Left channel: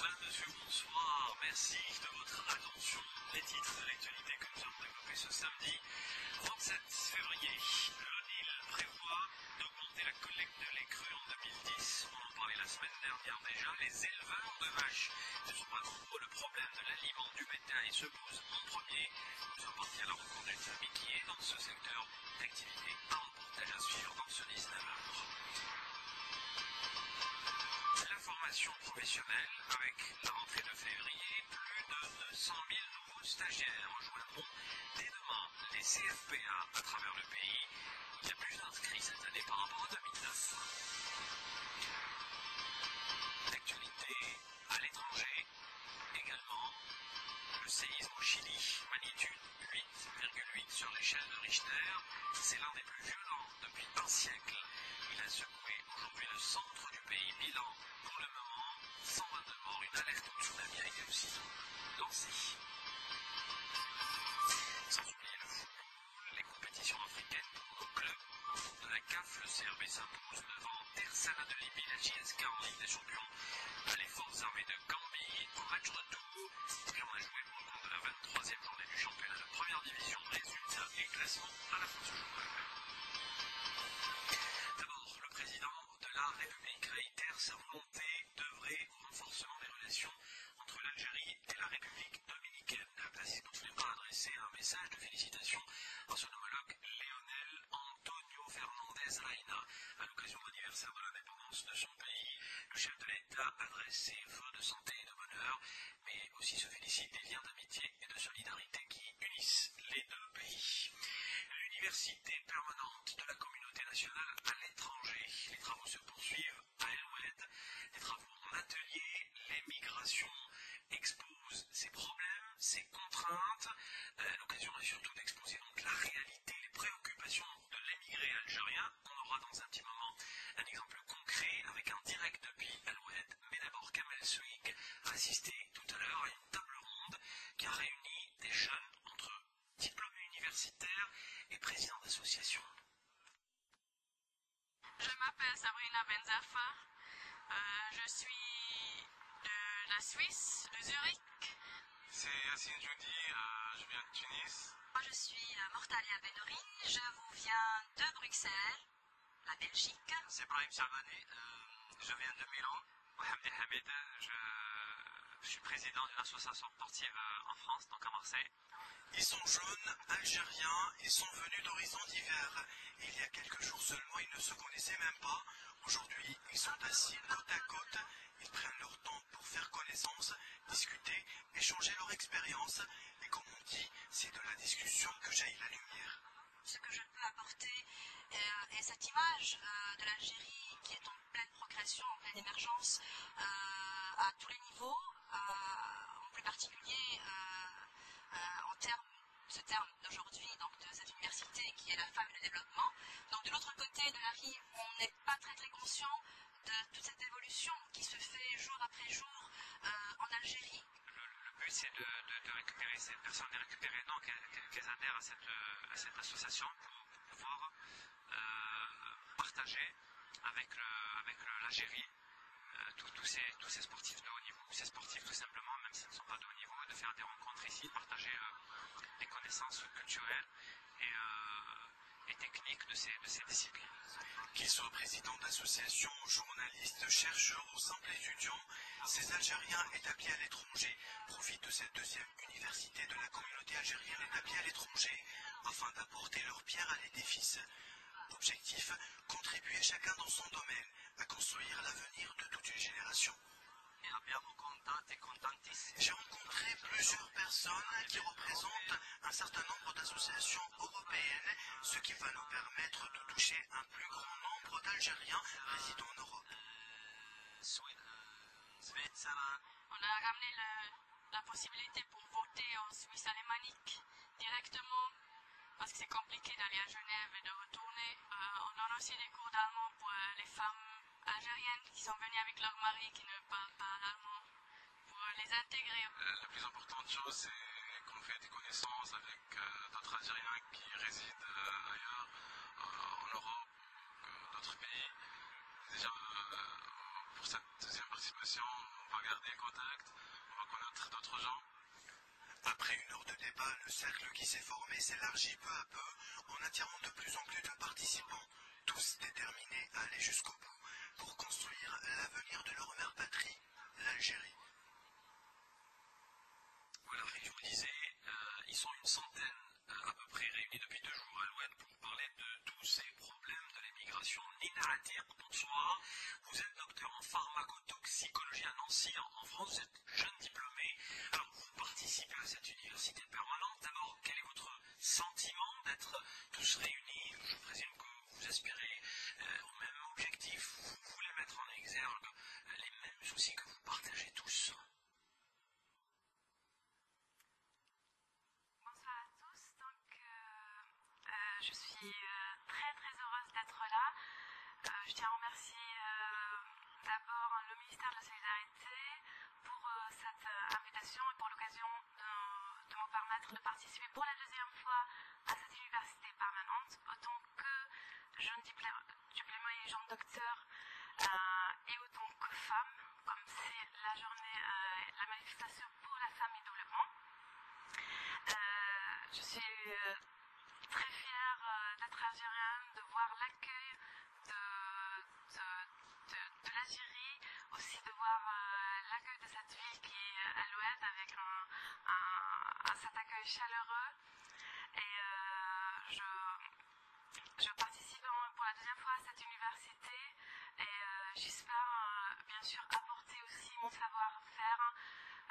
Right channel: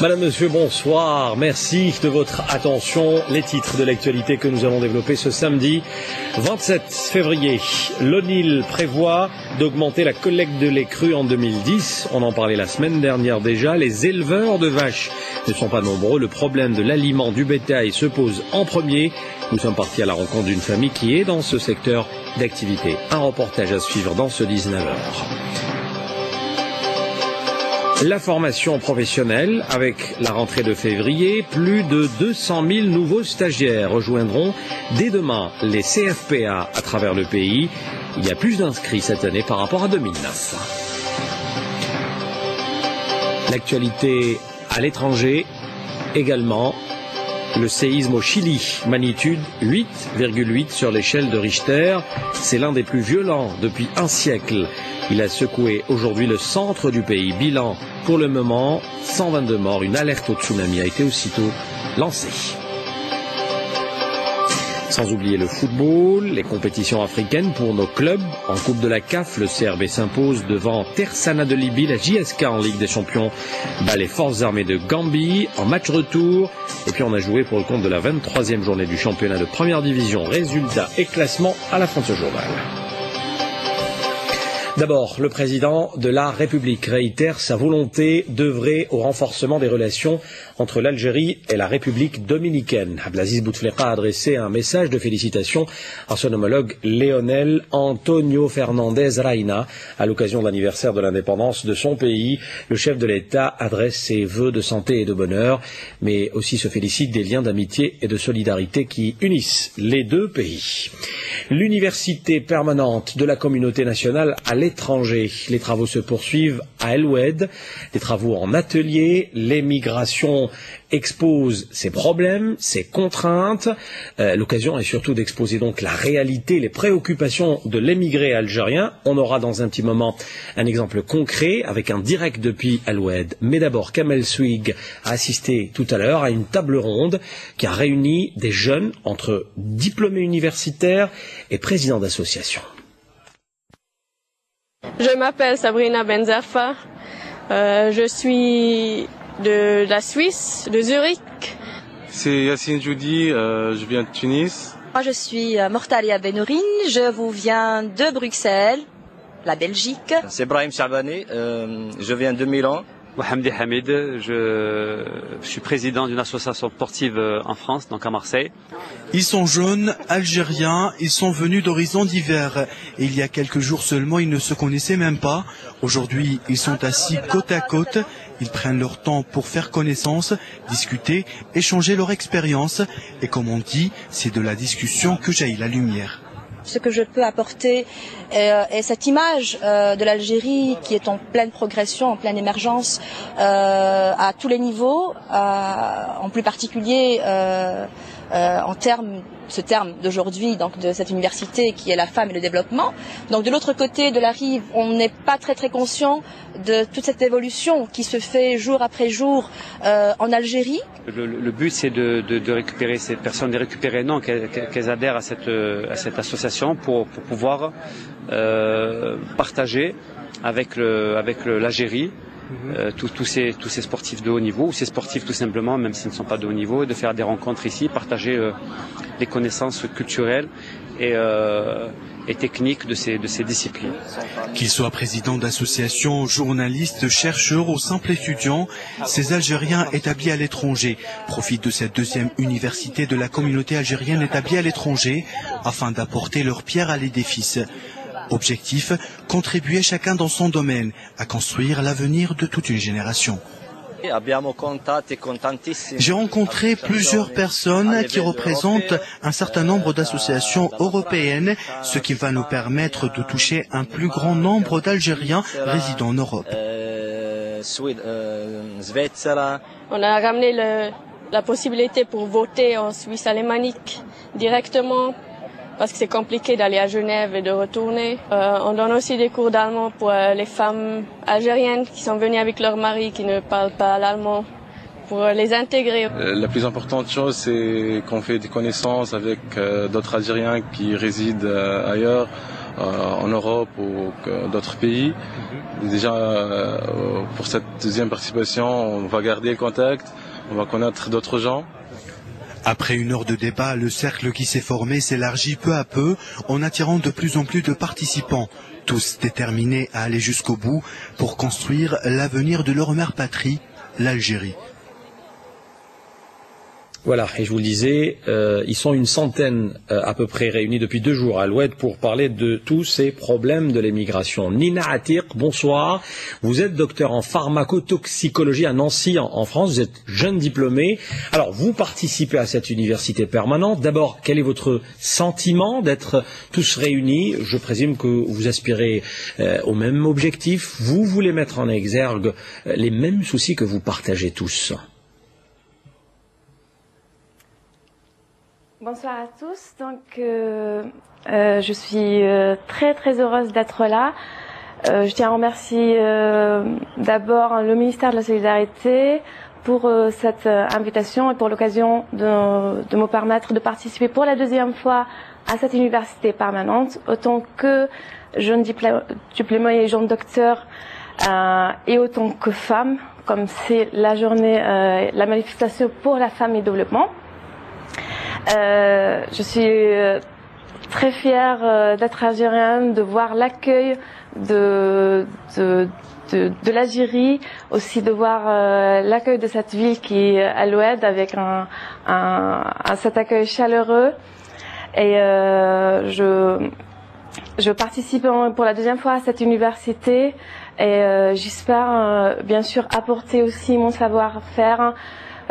Madame, Monsieur, bonsoir. Merci de votre attention. Les titres de l'actualité que nous allons développer ce samedi 27 février. L'ONIL prévoit d'augmenter la collecte de lait cru en 2010. On en parlait la semaine dernière déjà. Les éleveurs de vaches ne sont pas nombreux. Le problème de l'aliment du bétail se pose en premier. Nous sommes partis à la rencontre d'une famille qui est dans ce secteur d'activité. Un reportage à suivre dans ce 19h. La formation professionnelle, avec la rentrée de février, plus de 200 000 nouveaux stagiaires rejoindront dès demain les CFPA à travers le pays. Il y a plus d'inscrits cette année par rapport à 2009. L'actualité à l'étranger également. Le séisme au Chili, magnitude 8,8 sur l'échelle de Richter. C'est l'un des plus violents depuis un siècle. Il a secoué aujourd'hui le centre du pays. Bilan pour le moment, 122 morts. Une alerte au tsunami a été aussitôt lancée. Sans oublier le football, les compétitions africaines pour nos clubs. En Coupe de la CAF, le CRB s'impose devant Tersana de Libye. La JSK en Ligue des Champions bat les forces armées de Gambie en match retour. Et puis on a joué pour le compte de la 23e journée du championnat de première division. Résultats et classement à la fin de ce journal. D'abord, le président de la République réitère sa volonté d'œuvrer au renforcement des relations entre l'Algérie et la République dominicaine. Abdelaziz Bouteflika a adressé un message de félicitations à son homologue Léonel Antonio Fernandez Reina à l'occasion de l'anniversaire de l'indépendance de son pays. Le chef de l'État adresse ses vœux de santé et de bonheur, mais aussi se félicite des liens d'amitié et de solidarité qui unissent les deux pays. L'université permanente de la communauté nationale à l'étranger. Les travaux se poursuivent à El Oued, des travaux en atelier. L'émigration expose ses problèmes, ses contraintes. L'occasion est surtout d'exposer donc la réalité, les préoccupations de l'émigré algérien. On aura dans un petit moment un exemple concret avec un direct depuis El Oued. Mais d'abord, Kamel Swig a assisté tout à l'heure à une table ronde qui a réuni des jeunes entre diplômés universitaires et présidents d'associations. Je m'appelle Sabrina Benzerfa, je suis de la Suisse, de Zurich. C'est Yassine Joudi, je viens de Tunis. Moi je suis Mortalia Benourine, je vous viens de Bruxelles, la Belgique. C'est Brahim Chabani, je viens de Milan. Mohamed Hamid, je suis président d'une association sportive en France, donc à Marseille. Ils sont jeunes, algériens, ils sont venus d'horizons divers. Et il y a quelques jours seulement, ils ne se connaissaient même pas. Aujourd'hui, ils sont assis côte à côte. Ils prennent leur temps pour faire connaissance, discuter, échanger leur expérience. Et comme on dit, c'est de la discussion que jaillit la lumière. Ce que je peux apporter est cette image de l'Algérie qui est en pleine progression, en pleine émergence à tous les niveaux, en plus particulier en ce terme d'aujourd'hui, donc de cette université qui est la femme et le développement. Donc de l'autre côté de la rive, on n'est pas très conscient de toute cette évolution qui se fait jour après jour en Algérie. Le but c'est de récupérer ces personnes, de récupérer non, qu'elles adhèrent à cette association pour pouvoir partager avec l'Algérie tous ces sportifs de haut niveau, ou ces sportifs tout simplement, même s'ils ne sont pas de haut niveau, de faire des rencontres ici, partager les connaissances culturelles et techniques de ces disciplines. Qu'ils soient présidents d'associations, journalistes, chercheurs ou simples étudiants, ces Algériens établis à l'étranger profitent de cette deuxième université de la communauté algérienne établie à l'étranger afin d'apporter leur pierre à l'édifice. Objectif, contribuer chacun dans son domaine à construire l'avenir de toute une génération. J'ai rencontré plusieurs personnes qui représentent un certain nombre d'associations européennes, ce qui va nous permettre de toucher un plus grand nombre d'Algériens résidant en Europe. On a ramené la possibilité pour voter en Suisse alémanique directement, parce que c'est compliqué d'aller à Genève et de retourner. On donne aussi des cours d'allemand pour les femmes algériennes qui sont venues avec leur mari qui ne parlent pas l'allemand, pour les intégrer. La plus importante chose, c'est qu'on fait des connaissances avec d'autres Algériens qui résident ailleurs. en Europe ou d'autres pays. Déjà, pour cette deuxième participation, on va garder le contact, on va connaître d'autres gens. Après une heure de débat, le cercle qui s'est formé s'élargit peu à peu en attirant de plus en plus de participants, tous déterminés à aller jusqu'au bout pour construire l'avenir de leur mère patrie, l'Algérie. Voilà, et je vous le disais, ils sont une centaine à peu près réunis depuis 2 jours à l'Oued pour parler de tous ces problèmes de l'émigration. Nina Atiq, bonsoir. Vous êtes docteur en pharmacotoxicologie à Nancy en France, vous êtes jeune diplômé. Alors, vous participez à cette université permanente. D'abord, quel est votre sentiment d'être tous réunis? Je présume que vous aspirez au même objectif. Vous voulez mettre en exergue les mêmes soucis que vous partagez tous. Bonsoir à tous. Donc, je suis très heureuse d'être là. Je tiens à remercier d'abord le ministère de la Solidarité pour cette invitation et pour l'occasion de me permettre de participer pour la 2e fois à cette université permanente, autant que jeune diplômée et jeune docteur et autant que femme, comme c'est la journée, la manifestation pour la femme et le développement. Je suis très fière d'être algérienne, de voir l'accueil de l'Algérie, aussi de voir l'accueil de cette ville qui est à l'Oued avec cet accueil chaleureux. Et je participe pour la 2e fois à cette université et j'espère bien sûr apporter aussi mon savoir-faire.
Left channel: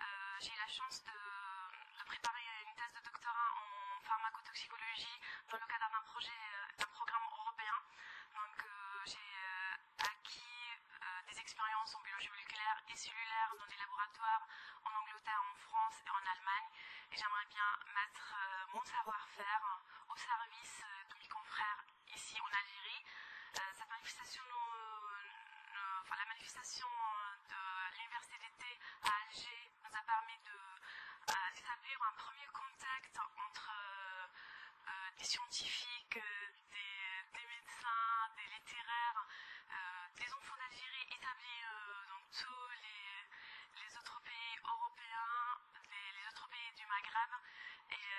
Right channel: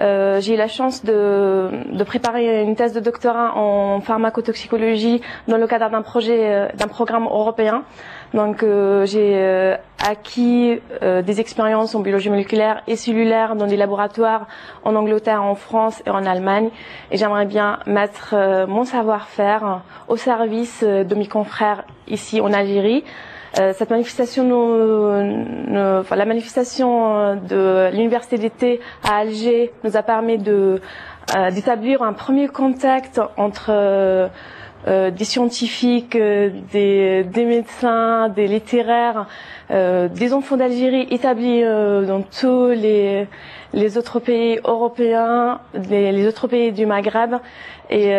J'ai eu la chance de préparer une thèse de doctorat en pharmacotoxicologie dans le cadre d'un programme européen. Donc j'ai acquis des expériences en biologie moléculaire et cellulaire dans des laboratoires en Angleterre, en France et en Allemagne. Et j'aimerais bien mettre mon savoir-faire au service de mes confrères ici en Algérie. Cette manifestation, la manifestation de l'université d'été à Alger nous a permis d'établir un premier contact entre des scientifiques, des médecins, des littéraires, des enfants d'Algérie établis dans tous les autres pays européens, les autres pays du Maghreb. Et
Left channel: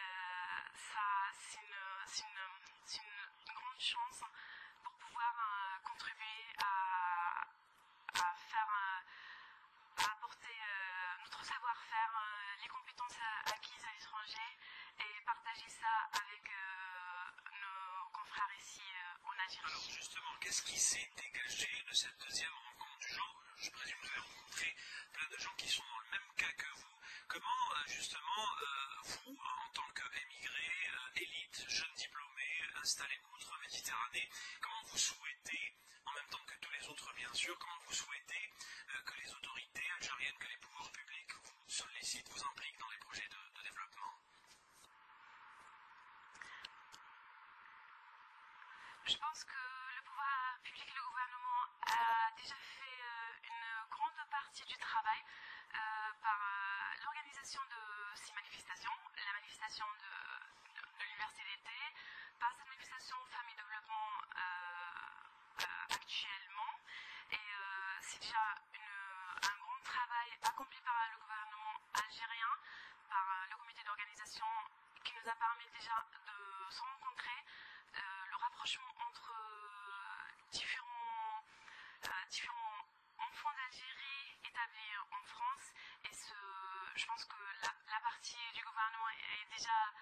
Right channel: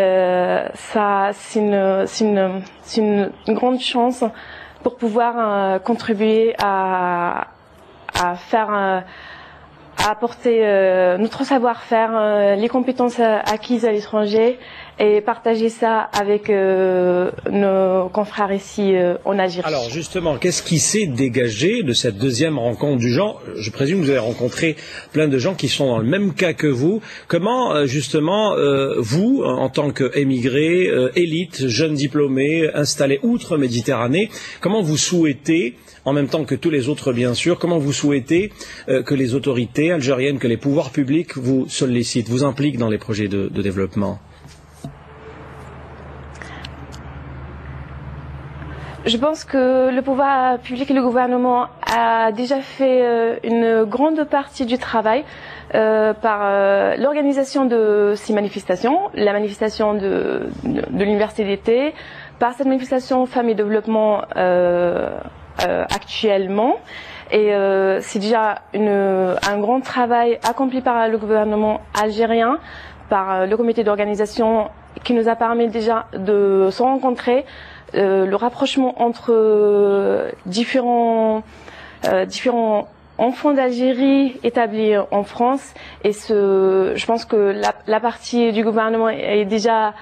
ça, c'est une grande chance pour pouvoir contribuer à apporter notre savoir-faire, les compétences acquises à l'étranger et partager ça avec nos confrères ici en Algérie. Alors justement, qu'est-ce qui s'est dégagé de cette 2e rencontre du genre? Je présume que vous avez rencontré plein de gens qui sont dans le même cas que vous. Comment justement vous, en tant qu'émigrés, élite, jeunes diplômés, installés outre-Méditerranée, comment vous souhaitez, en même temps que tous les autres bien sûr, comment vous souhaitez que les autorités algériennes, que les pouvoirs publics vous sollicitent, vous impliquent dans les projets de développement? Je pense que le pouvoir public et le gouvernement a déjà fait une grande partie du travail par l'organisation de ces manifestations, la manifestation de l'université d'été, par cette manifestation Femmes et Développement actuellement. Et c'est déjà un grand travail accompli par le gouvernement algérien, par le comité d'organisation qui nous a permis déjà de se rencontrer. Le rapprochement entre différents enfants d'Algérie établis en France et je pense que la partie du gouvernement est déjà,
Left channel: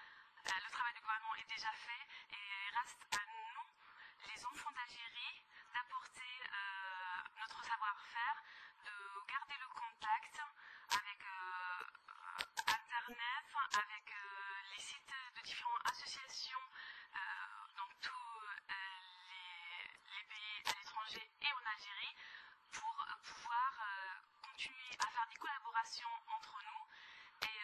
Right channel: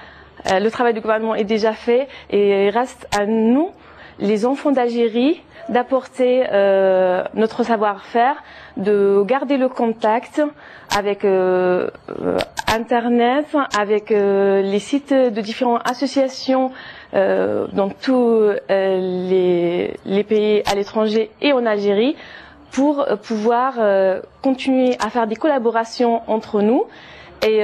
le travail du gouvernement est déjà fait et il reste à nous, les enfants d'Algérie, d'apporter notre savoir-faire, de garder le contact avec Internet, avec les sites de différentes associations dans tous les pays à l'étranger et en Algérie pour pouvoir continuer à faire des collaborations entre nous et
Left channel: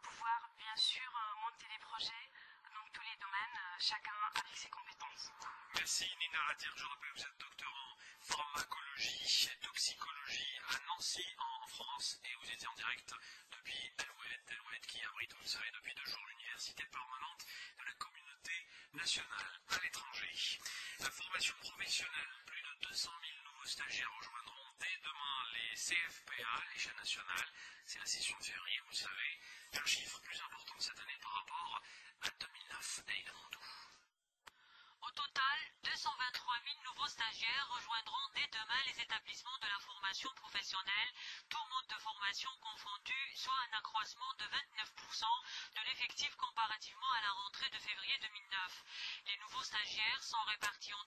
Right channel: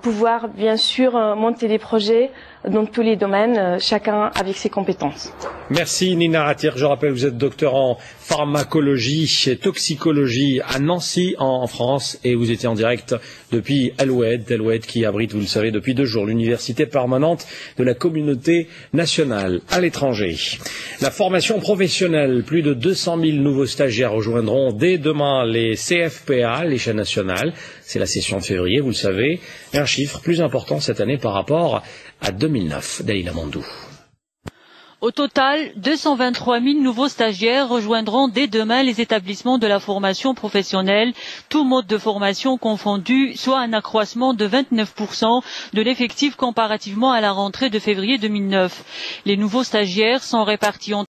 pouvoir bien sûr monter des projets dans tous les domaines, chacun avec ses compétences. Merci Nina Ratir. Je rappelle, vous êtes docteur en pharmacologie et toxicologie à Nancy en France et vous étiez en direct depuis Al-Oued qui abrite, vous le savez, depuis 2 jours l'université permanente de la communauté nationale à l'étranger. La formation professionnelle, plus de 200 000 nouveaux stagiaires rejoindront dès demain les CFPA, l'échelle nationale. C'est la session de février, vous le savez, et un chiffre plus important cette année par rapport à 2009. Dalila Mandou. Au total, 223 000 nouveaux stagiaires rejoindront dès demain les établissements de la formation professionnelle, tous modes de formation confondus, soit un accroissement de 29% de l'effectif comparativement à la rentrée de février 2009. Les nouveaux stagiaires sont répartis en